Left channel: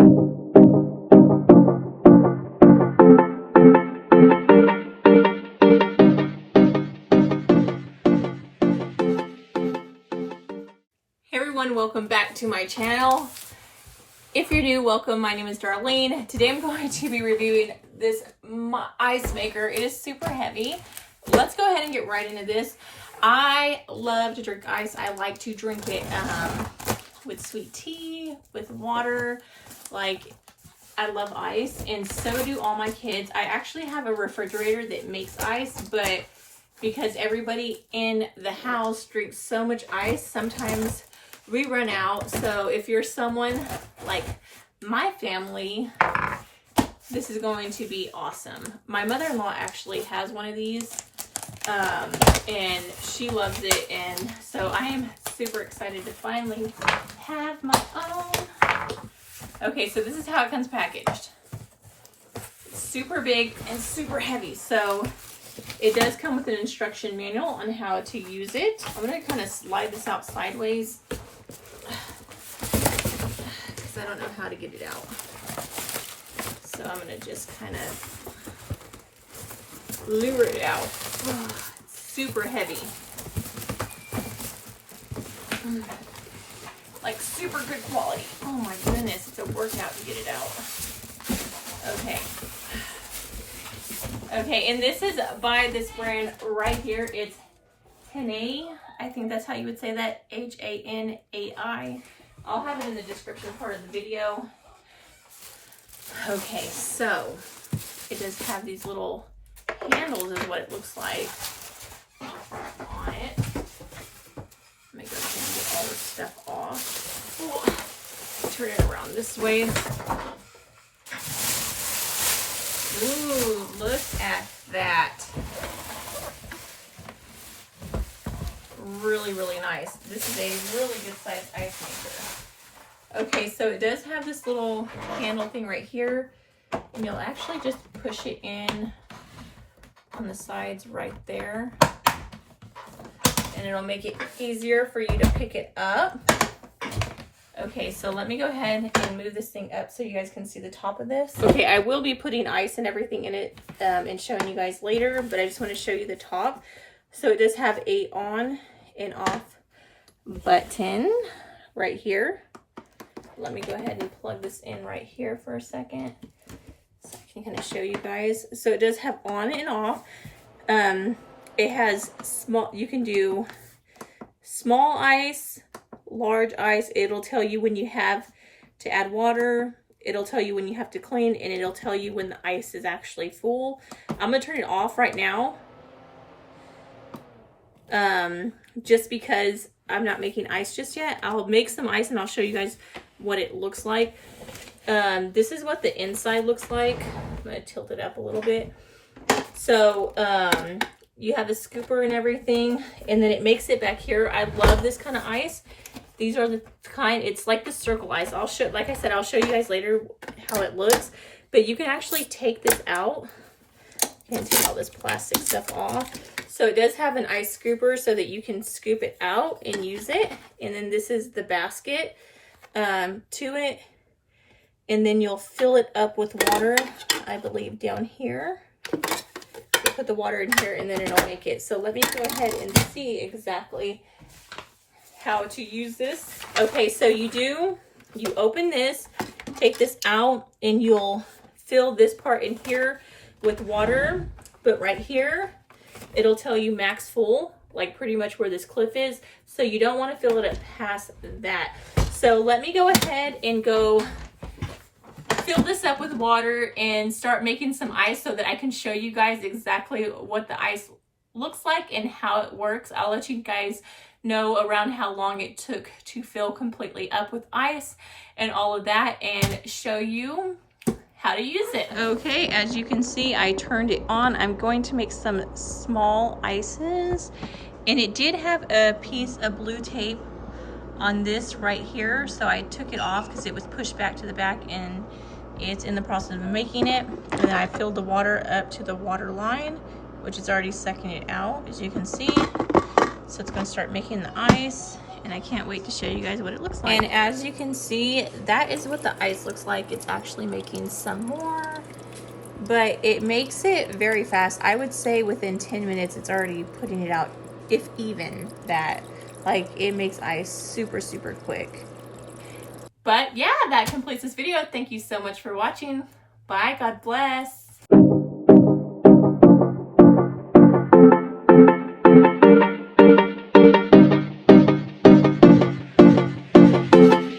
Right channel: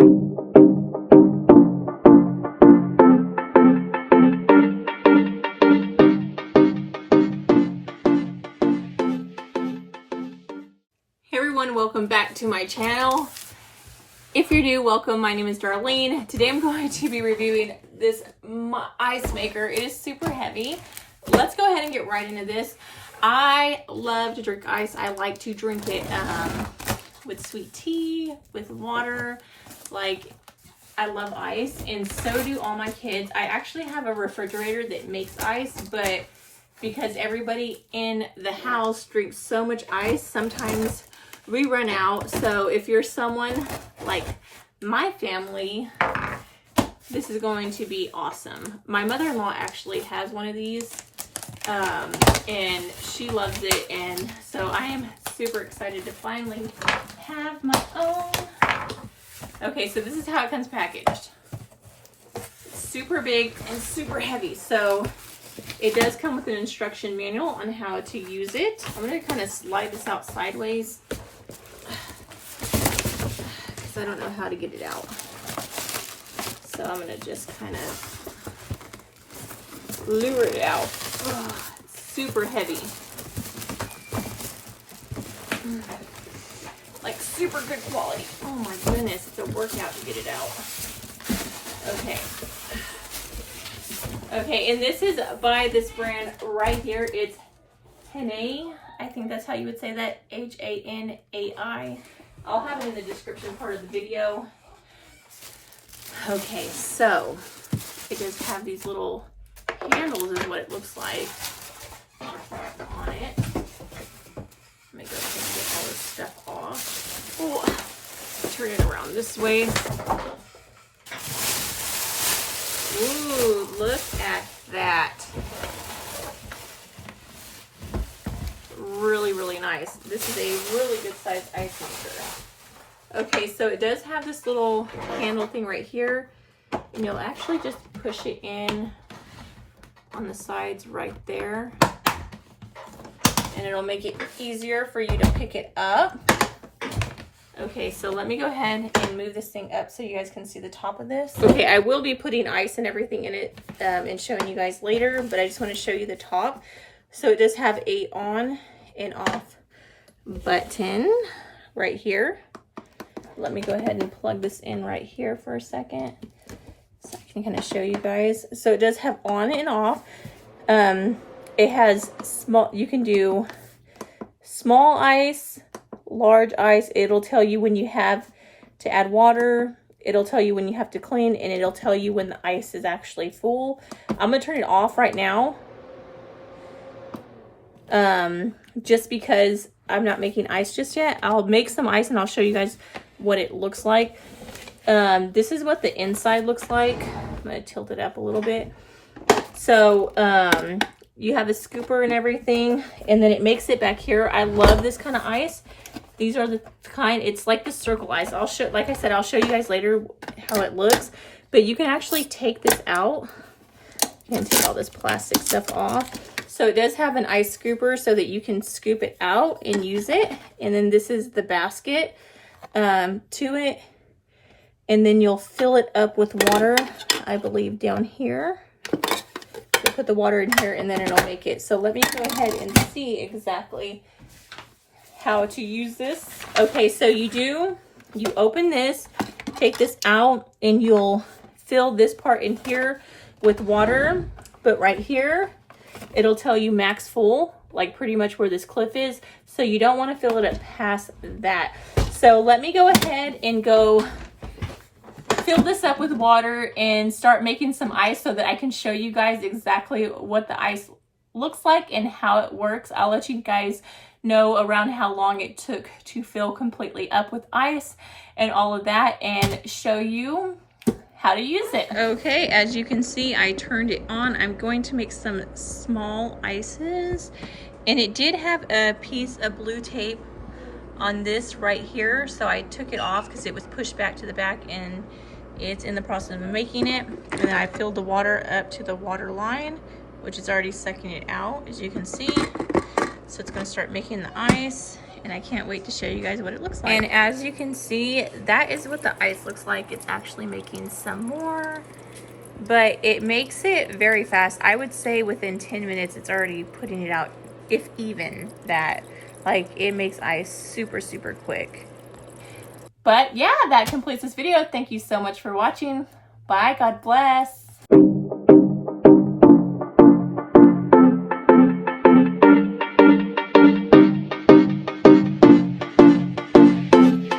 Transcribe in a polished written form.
Hey everyone, welcome back to my channel. If you're new, welcome. My name is Darlene. Today I'm going to be reviewing this ice maker. It is super heavy. Let's go ahead and get right into this. I love to drink ice. I like to drink it with sweet tea, with water. Like, I love ice, and so do all my kids. I actually have a refrigerator that makes ice, but because everybody in the house drinks so much ice, sometimes we run out. So if you're someone like my family, this is going to be awesome. My mother-in-law actually has one of these, and she loves it, and so I am super excited to finally have my own. Okay, so this is how it comes packaged. It's super big and super heavy, so it does come with an instruction manual on how to use it. I'm going to kind of slide this out sideways because I don't know how to get it out. So I'm going to just kind of lure it out. Oh, it's super heavy. Like super good quality. Oh my goodness, it's a workout to get it out. Okay. Okay, and this is by this brand right here. It's WANAI. I think that's how you would say that. WANAI. I'll have it in the description part of the video. Okay, so it does have these little handles is what it looks like on it. Let me go ahead and get all this stuff off. Oh, turn it around this way. Ooh, look at that. Really, really nice. This is a really good size ice maker. Okay, so it does have this little handle thing right here, and you'll actually just push it in on the sides right there, and it'll make it easier for you to pick it up. Okay, so let me go ahead and move this thing up so you guys can see the top of this. Okay, I will be putting ice and everything in it and showing you guys later, but I just want to show you the top. So it does have a on and off button right here. Let me go ahead and plug this in right here for a second so I can kind of show you guys. So it does have on and off. It has small, you can do small ice, large ice. It'll tell you when you have to add water. It'll tell you when you have to clean, and it'll tell you when the ice is actually full. I'm gonna turn it off right now, just because I'm not making ice just yet. I'll make some ice and I'll show you guys what it looks like. This is what the inside looks like. I'm gonna tilt it up a little bit. So you have a scooper and everything, and then it makes it back here. I love this kind of ice. These are the kind, it's like the circle ice. I'll show, like I said, I'll show you guys later how it looks, but you can actually take this out. You can take all this plastic stuff off. So it does have an ice scooper so that you can scoop it out and use it. And then this is the basket to it. And then you'll fill it up with water, I believe, down here. So put the water in here, and then it'll make it. So let me go ahead and see exactly how to use this. Okay, so you open this, take this out, and you'll fill this part in here with water. But right here, it'll tell you max full, like pretty much where this cliff is. So you don't want to fill it up past that. So let me go ahead and go fill this up with water and start making some ice so that I can show you guys exactly what the ice looks like and how it works. I'll let you guys know around how long it took to fill completely up with ice and all of that, and show you how to use it. Okay, as you can see, I turned it on. I'm going to make some small ices, and it did have a piece of blue tape on this right here, so I took it off because it was pushed back to the back, and it's in the process of making it. And then I filled the water up to the water line, which is already sucking it out, as you can see. So it's going to start making the ice, and I can't wait to show you guys what it looks like. And as you can see, that is what the ice looks like. It's actually making some more, but it makes it very fast. I would say within 10 minutes, it's already putting it out, if even that. Like, it makes ice super, super quick. But yeah, that completes this video. Thank you so much for watching. Bye, God bless.